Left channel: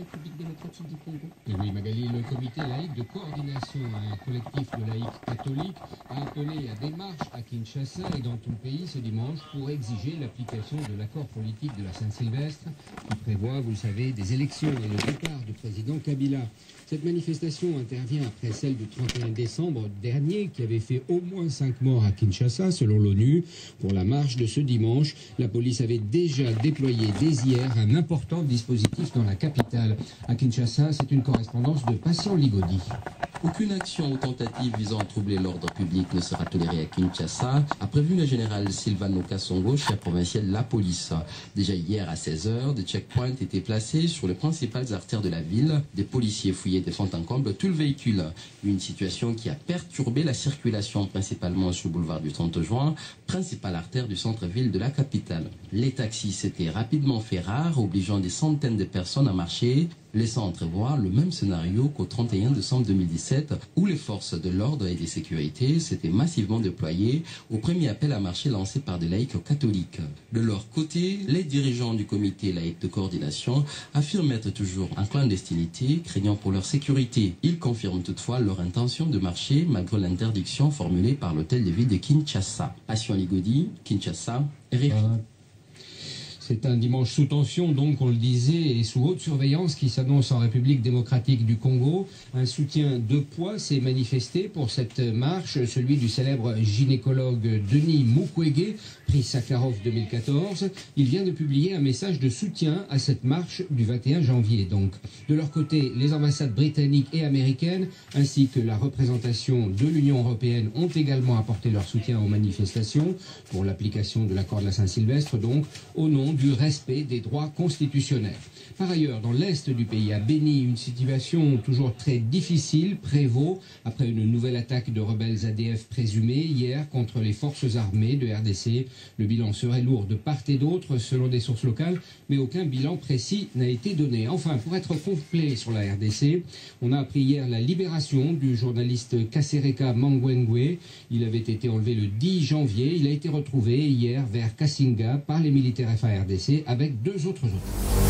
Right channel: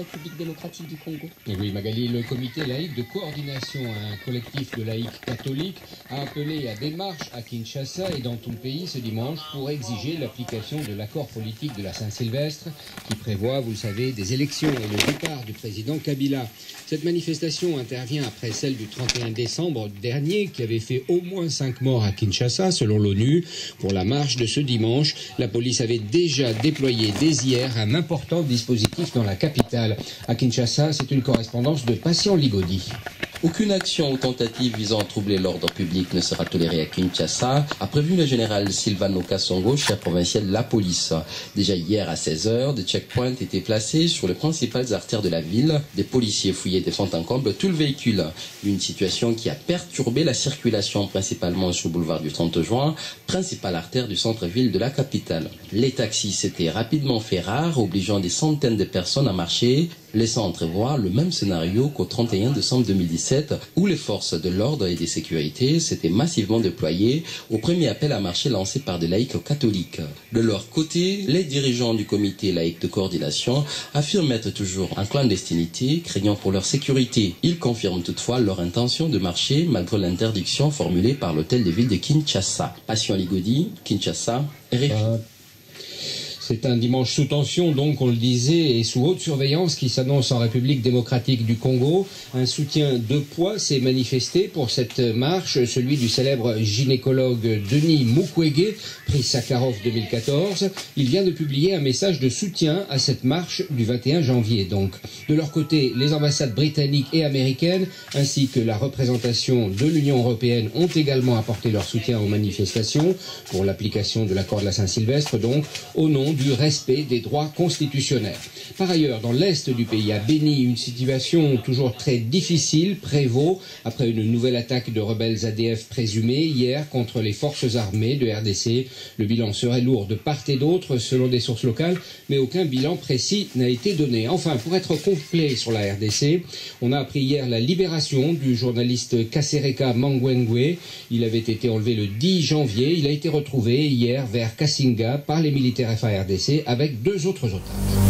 République démocratique du Congo. Et oui, Magali, le comité laïque de coordination, un collectif de laïcs catholiques, a appelé à des marches à Kinshasa et dans tout le pays ce dimanche pour exiger l'application de l'accord politique de la Saint-Sylvestre qui prévoit, vous le savez, des élections et le départ du président Kabila. Cette manifestation intervient après celle du 31 décembre dernier qui avait fait au moins 5 morts à Kinshasa selon l'ONU. Pour la marche de ce dimanche, la police avait déjà déployé dès hier un important dispositif dans la capitale. À Kinshasa, c'est une correspondance de Patient Ligodi. Aucune action ou tentative visant à troubler l'ordre public ne sera tolérée à Kinshasa, a prévenu le général Silvano Kasongo, chef provincial de la police. Déjà hier à 16h, des checkpoints étaient placés sur les principales artères de la ville. Des policiers fouillaient de fond en comble tout le véhicule. Une situation qui a perturbé la circulation principalement sur le boulevard du 30 juin, principale artère du centre-ville de la capitale. Les taxis s'étaient rapidement fait rares, obligeant des centaines de personnes à marcher, laissant entrevoir le même scénario qu'au 31 décembre 2017, où les forces de l'ordre et de sécurité s'étaient massivement déployées au premier appel à marcher lancé par des laïcs catholiques. De leur côté, les dirigeants du comité laïque de coordination affirment être toujours en clandestinité, craignant pour leur sécurité. Ils confirment toutefois leur intention de marcher malgré l'interdiction formulée par l'hôtel de ville de Kinshasa. Patient Ligodi, Kinshasa, RFI. C'est un dimanche sous tension, donc, on le disait, et sous haute surveillance qui s'annonce en République démocratique du Congo. Un soutien de poids s'est manifesté pour cette marche, celui du célèbre gynécologue Denis Mukwege, prix Sakharov 2014. Il vient de publier un message de soutien à cette marche du 21 janvier. Donc, de leur côté, les ambassades britanniques et américaines, ainsi que la représentation de l'Union européenne, ont également apporté leur soutien aux manifestations pour l'application de l'accord de la Saint-Sylvestre, donc, au nom du respect des droits constitutionnels. Par ailleurs, dans l'est du pays, à Béni, une situation toujours très difficile prévaut après une nouvelle attaque de rebelles ADF présumés hier contre les forces armées de RDC. Le bilan serait lourd de part et d'autre selon des sources locales, mais aucun bilan précis n'a été donné. Enfin, pour être complet sur la RDC, on a appris hier la libération du journaliste Kasereka Mangwengwe. Il avait été enlevé le 10 janvier. Il a été retrouvé hier vers Kassinga par les militaires FARDC avec 2 autres otages.